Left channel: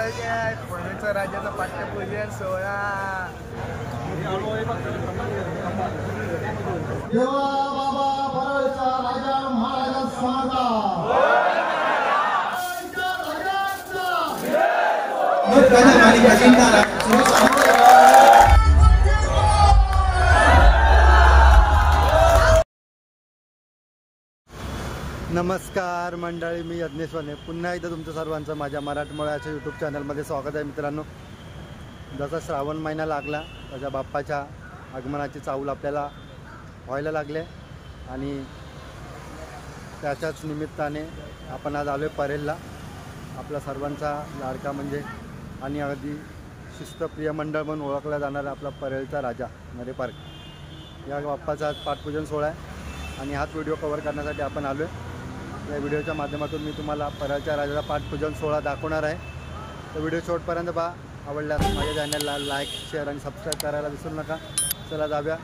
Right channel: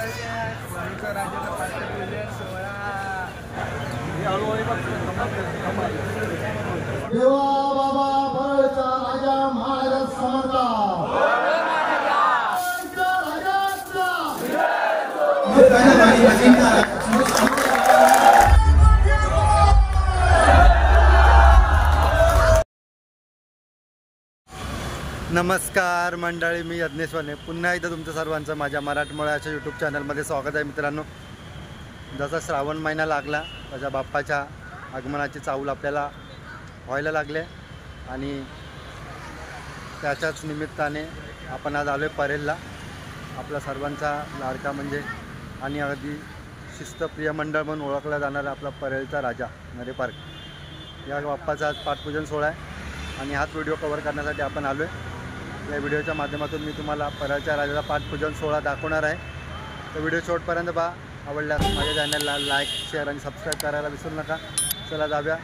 परळीचा राजाचा पाठपूजन सोहळा देवा बाबा परळीचा राजा महाराज समर्था नमस्कार मंडळी, मी यज्ञेश्वरने पुन्हा एकदा तुमचं सर्वांचं माझ्या मराठमोळ्याच्या यूट्यूब चॅनलमध्ये स्वागत आहे. मित्रांनो, जसा श्रावण महिना लागला तशा बाप्पाच्या आगमनाची चाहूल आपल्याला व्हायला लागले आणि त्याच्याच निमित्ताने आपण आज आलो परेलला. आपला सर्वांचा लाडका म्हणजे आणि अगदी शिस्तप्रिय मंडळ म्हणून ओळखला जाणारा आपला परेलचा राजा नरे पार्क या बाप्पाचा आज पाठपूजन सोहळा आहे आणि हाच व्हिडिओ कव्हर करण्यासाठी आपण आलो आहे. या व्हिडिओच्या माध्यमातून मी तुम्हाला परळच्या राजाचा पाठपूजन सोहळा दाखवणार आहे. तर व्हिडिओ शेवटपर्यंत पहा. आवडल्यास माझ्या चॅनलला लाईक, शेअर आणि सबस्क्राईब करायला विसरू नका. चला जाऊया.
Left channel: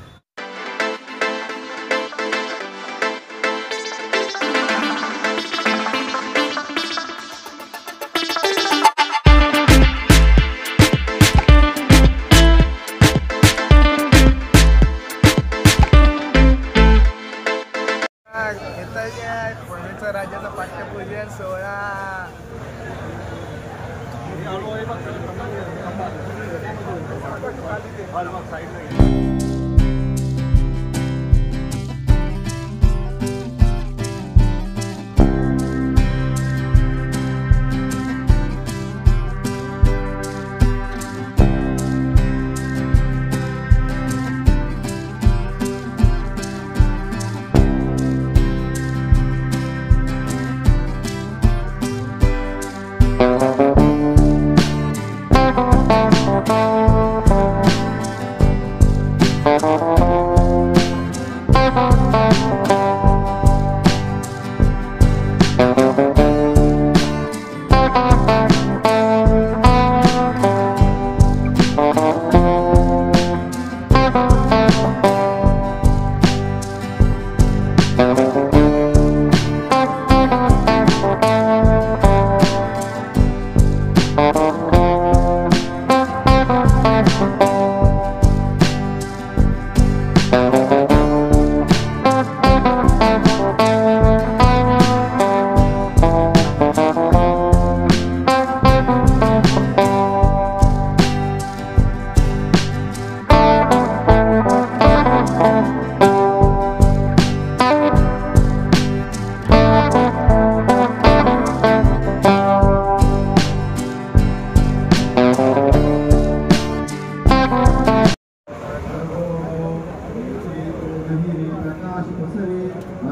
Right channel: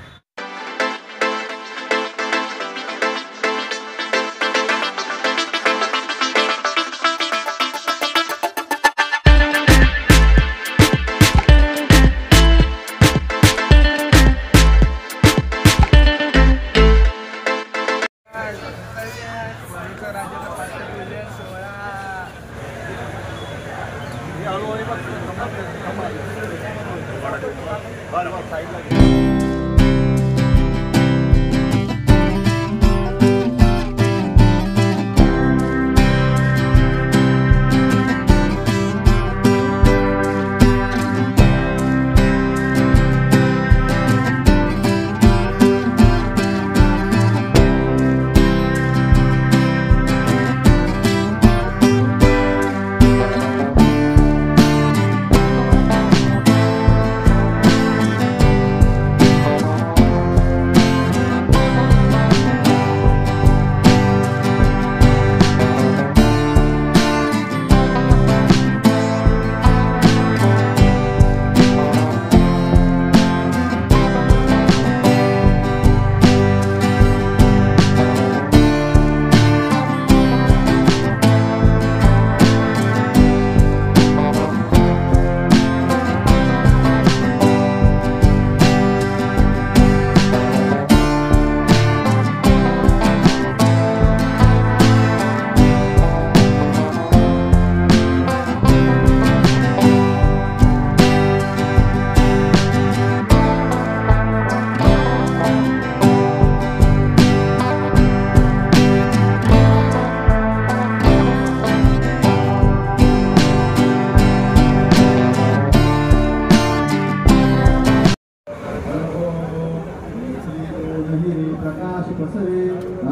परळीचा राजाचा पाठपूजन सोहळा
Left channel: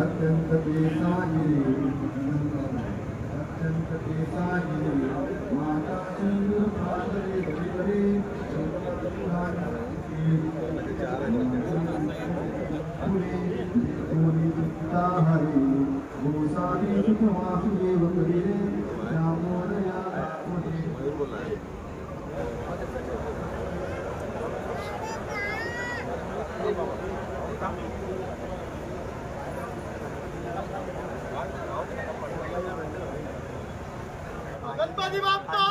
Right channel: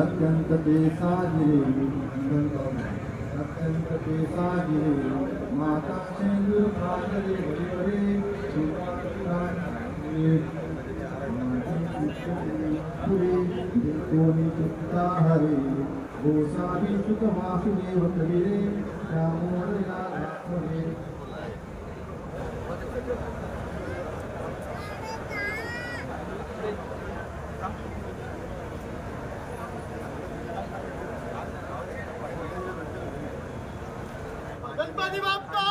अत्यंत साजिरे अत्यंत साजिरे माता सिंधू भागरे बलिवरे फुले दोनी चित्ता हरे गोसावी सुत वासुदेव कबीरे श्यामोरया गणपती बाप्पा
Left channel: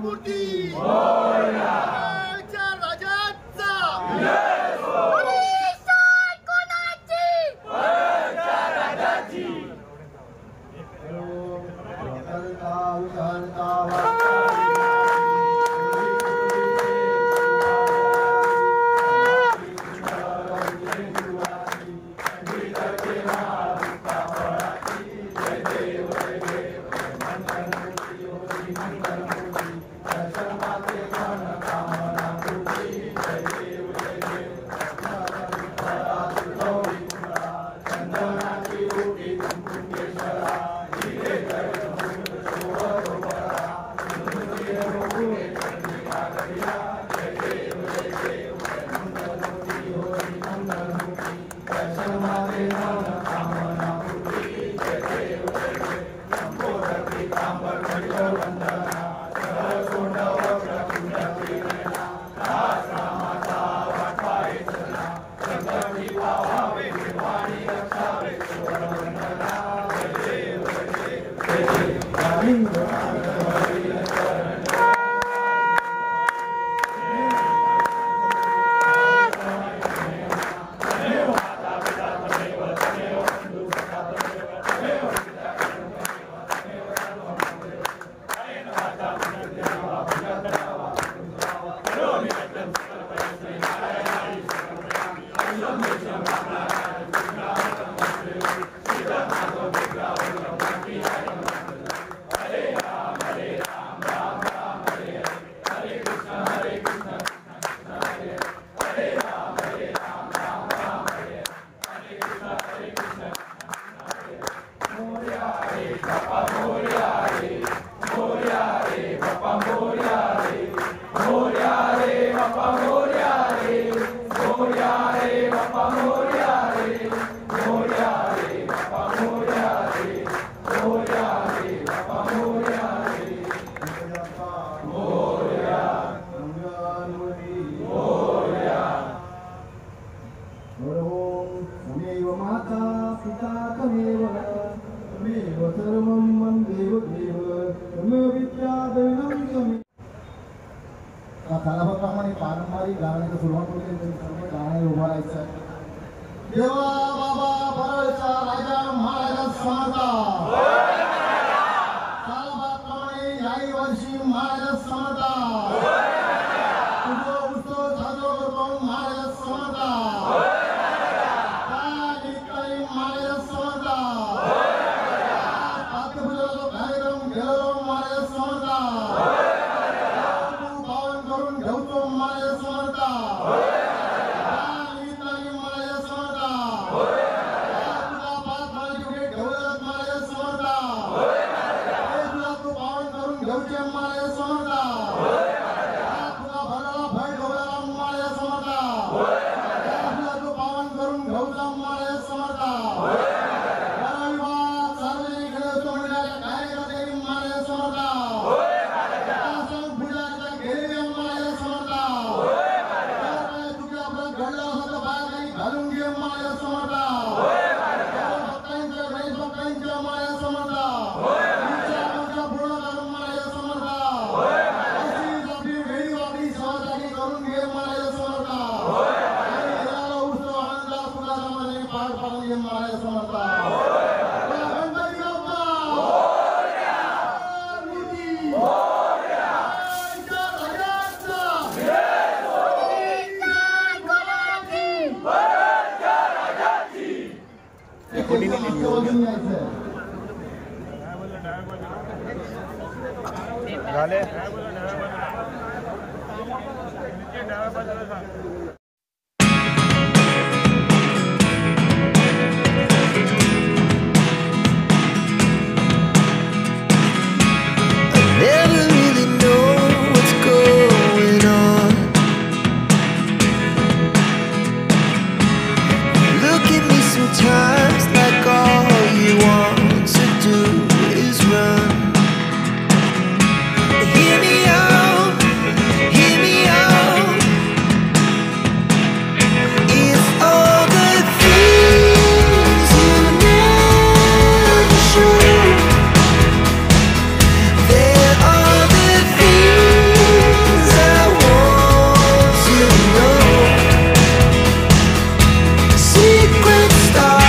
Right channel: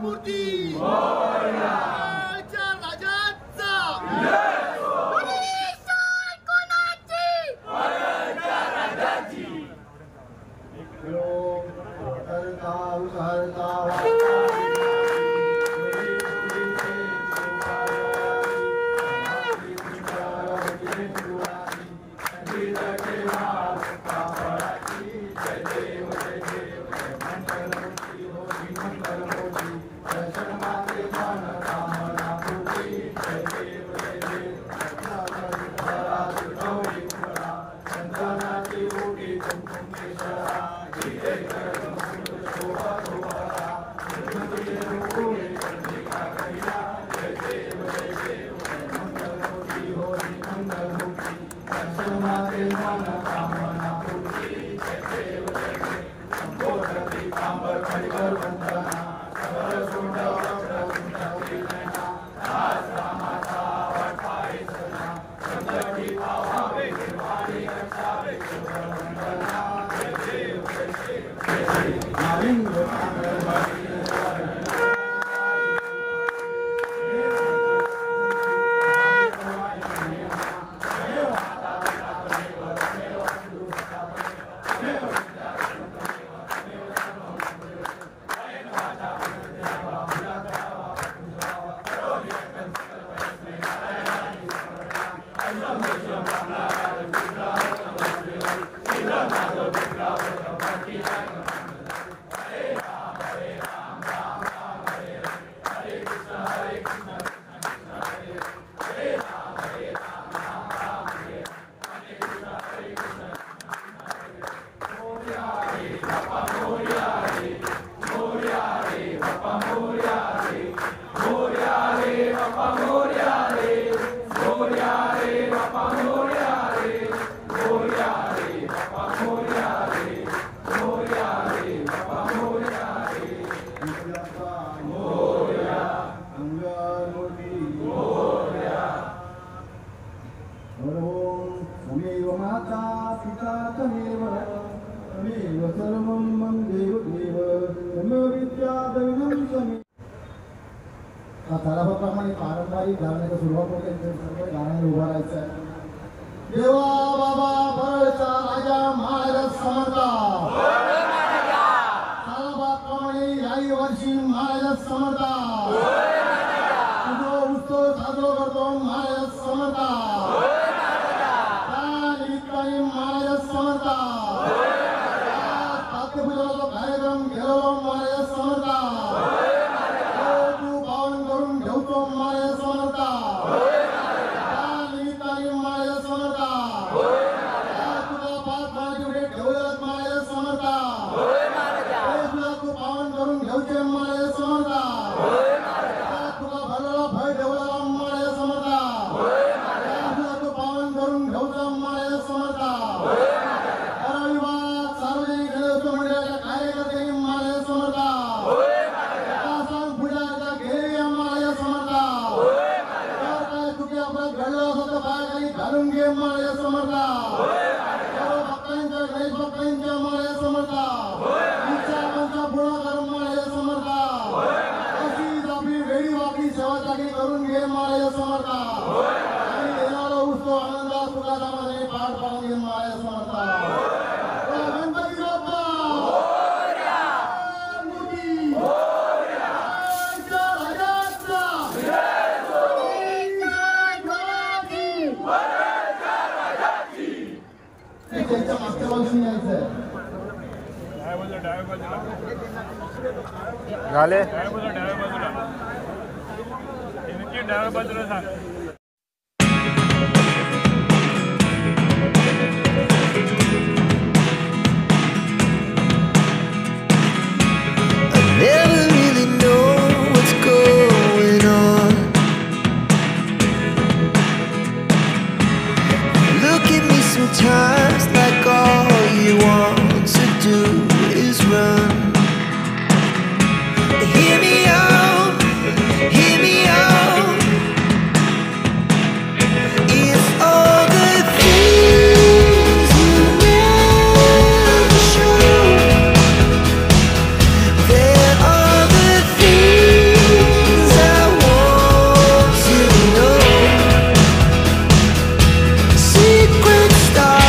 मूर्ती परळीच्या राजाचा Hare तमेव माता पिता तमेव तमेव सर्वं देव देव तमेव विद्या दैवं तमेव. तालाप्रमाणे पारंपरिक गाण्याला सुरुवात होते. गाण्याला उभा राहायचं आहे. देवा बाबा परळचा राजा महाराज समर्थ. तालाप्रमाणे याही वर्षी महाराज समर्थ. उत्सव साजरा करतो महाराज समर्थ. महाराज समर्थ. पाठ्यपूजनाचा कार्यक्रम घेतो महाराज समर्थ. तू पावन करून घेतो महाराज समर्थ. महाराज समर्थ. तुला पाच मानाची भेट ठेवलं महाराज समर्थ. तुला तू पावन करून घेऊचे महाराज समर्थ. तुला भरला भय ठेवला महाराज समर्थ. तुला तू पावन करून घेऊचा महाराज समर्थ. सार्वजनिक गणेश मंडळाच्या कार्यकर्ते महाराज समर्थ. पूजा घेरी महाराज समर्थ. तुझे आपला घडला असं बाया घालून घे महाराज समर्थ. भक्तांच्या गणेश भक्तांच्या महाराज समर्थ. पूर्ण कर महाराज समर्थ. अशीच आपली वेळी वापरी सेवासाठी करून घे महाराज समर्थ. आणि येणारा उत्सव आनंदात सुखाचा मध्ये पार पाडून घे महाराज समर्थ. गणपती बाप्पा मूर्ती झाले. Never really know what's going on. Look at me sometimes like all you want to do is run. Hear me out, hear me out. It's all the things you never show. There are the things I want to know. Secret star.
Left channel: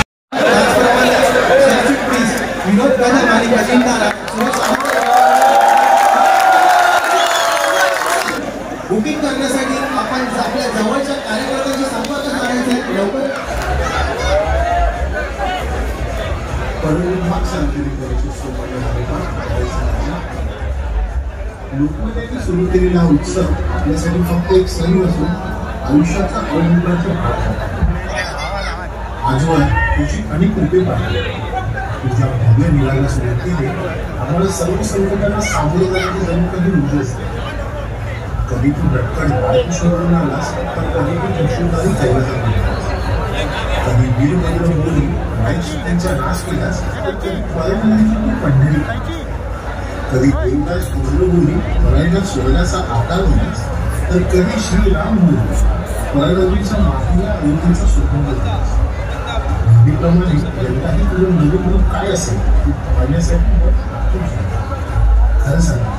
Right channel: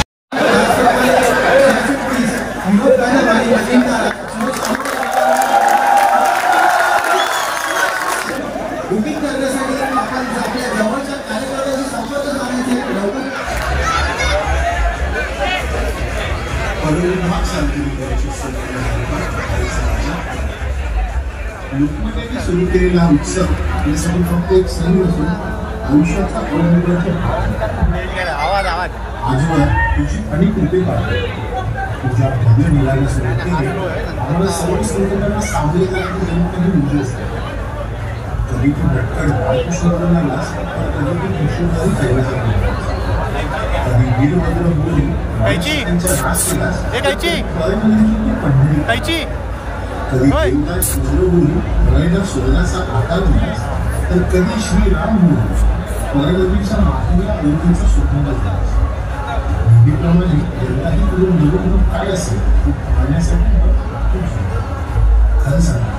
Booking करण्यासाठी आपण आपल्या जवळच्या कार्यकर्त्यांशी संपर्क साधायचे. लवकर लोकमतांनी सुरू केलेला उत्सव आपल्यासाठी फक्त एक सण नसून आयुष्याचा अवलंबनाचा भाग आहे. आजवर तुझी अनेक कृपे पाहिजे. तुझ्या भव्य निघायला सुरू केले आम्हाला सर्व संकटांना सामोरे जाण्याची जणू काही ऊर्जा असते. कधी तू भटकड बाळकृष्ण आलास तर कधी तू यशोदारी जगाचा कधी वीरभद्र बोली त्यांचा नाश केलास पंढरी. कधी देवदास सुवर्णभूमी परायणात स्वर्णाचा आकार दिलास तर कधी श्रीराम बोली परडवीच्या मातीला अयोध्येचा सुगंध दिलास. नेहमीप्रमाणे यंदाही तुझं नवीन रूप काय असेल ते पाहण्यासाठी खरं सांगा